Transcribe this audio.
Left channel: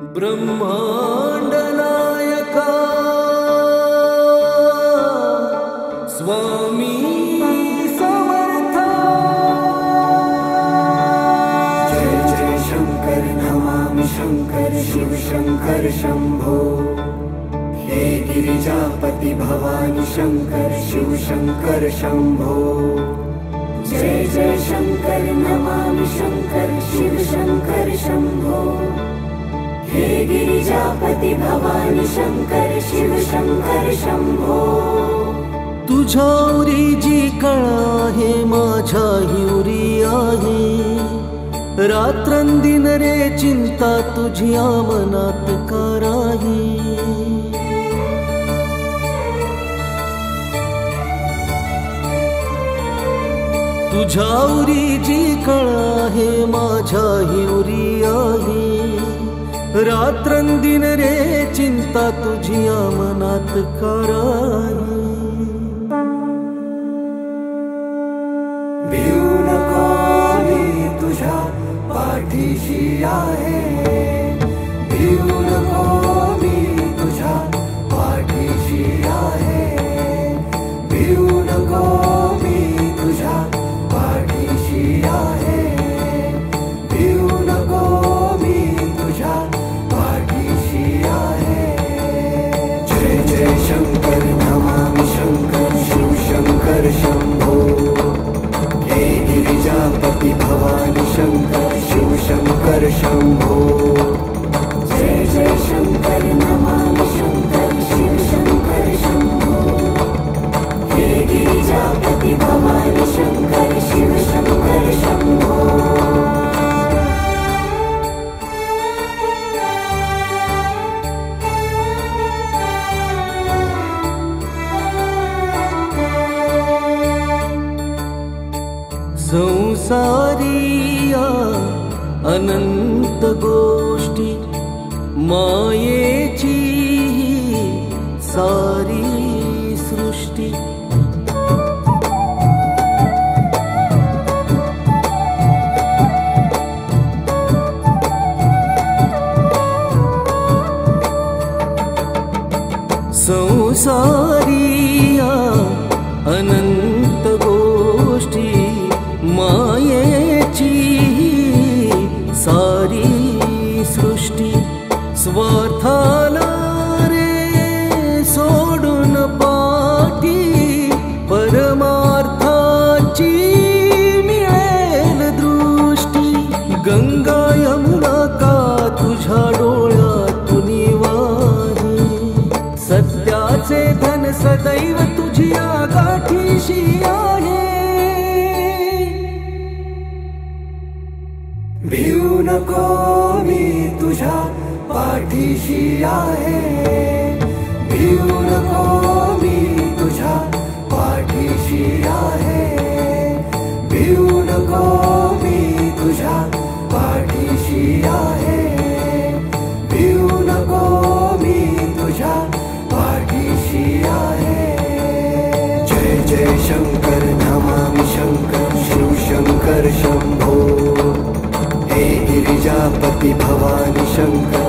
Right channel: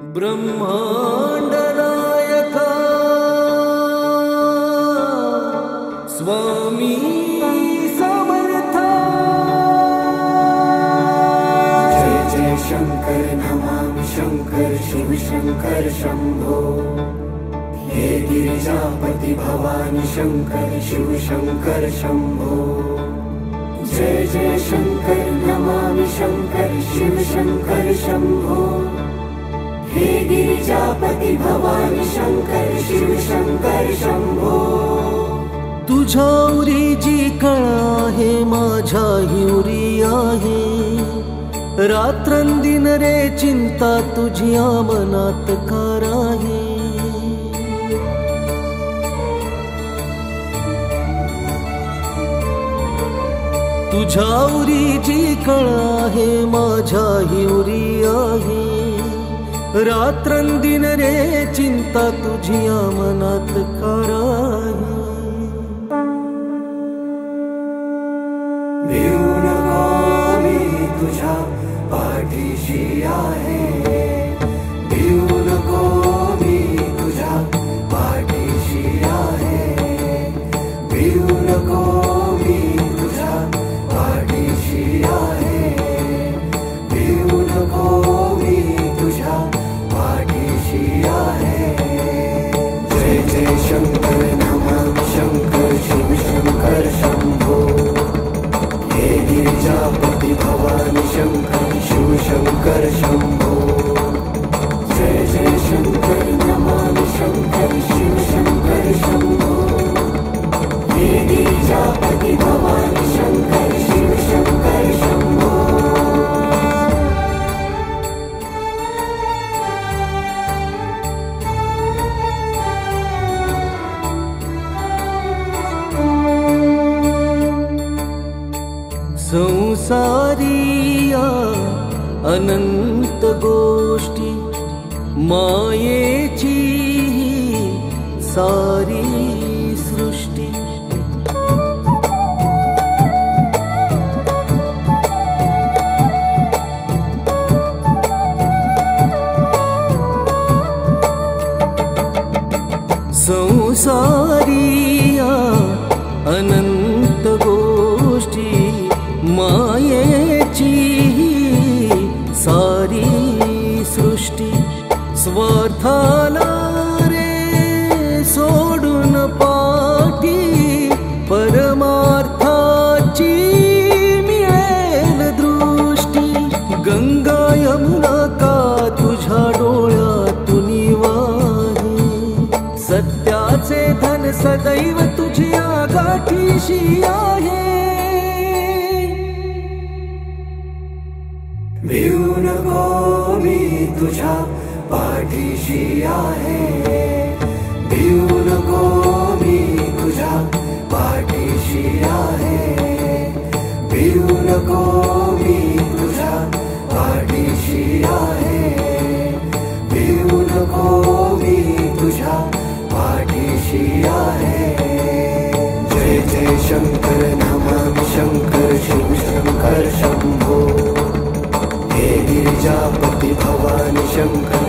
ब्रह्मांड नायका स्वामी समर्था। जय जय शंकर नमामि शंकर शिव शंकर शंभो। हे गिरिजापति भवानी शंकर शिव शंकर शंभो। जय जय शंकर नमामि शंकर शिव शंकर शंभो। हे गिरिजापति भवानी शंकर शिव शंकर शंभो। तुझ्यावरी जी कळा आहे माझ्याही उरी आहे। रात्रंदिन रे चिंता तुझ्या मनात का राही। तुझ्यावरी जी कळा आहे माझ्याही उरी आहे। रात्रंदिन रे चिंता तुझ्या मनात का राही। भिऊ नको मी तुझ्या पाठीशी आहे। भिऊ नको मी तुझ्या पाठीशी आहे। भिऊ नको मी तुझ्या पाठीशी आहे। भिऊ नको मी तुझ्या पाठीशी आहे। जय जय शंकर नमामि शंकर शिव शंकर शंभो। हे गिरिजापति भवानी शंकर शिव शंकर शंभो। जय जय शंकर नमामि शंकर शिव शंकर शंभो। हे गिरिजापति भवानी शंकर शिव शंकर शंभो। संसारिया अनंत गोष्टी मायेची सारी सृष्टी। संसारिया अनंत गोष्टी मायेची सारी सृष्टी। स्वार्थाला रे सोडून पाठी परमार्थाची मिळेल दृष्टी। गंगा यमुना का तुझ्या डोळ्यातून वाहे। सत्याचे धन सदैव तुझ्या गाठीशी आहे। भिऊ नको मी तुझ्या पाठीशी आहे। भिऊ नको मी तुझ्या पाठीशी आहे। भिऊ नको मी तुझ्या पाठीशी आहे। भिऊ नको मी तुझ्या पाठीशी आहे। जय जय शंकर नमामि शंकर शिव शंकर शंभो। हे गिरिजापति भवानी शंकर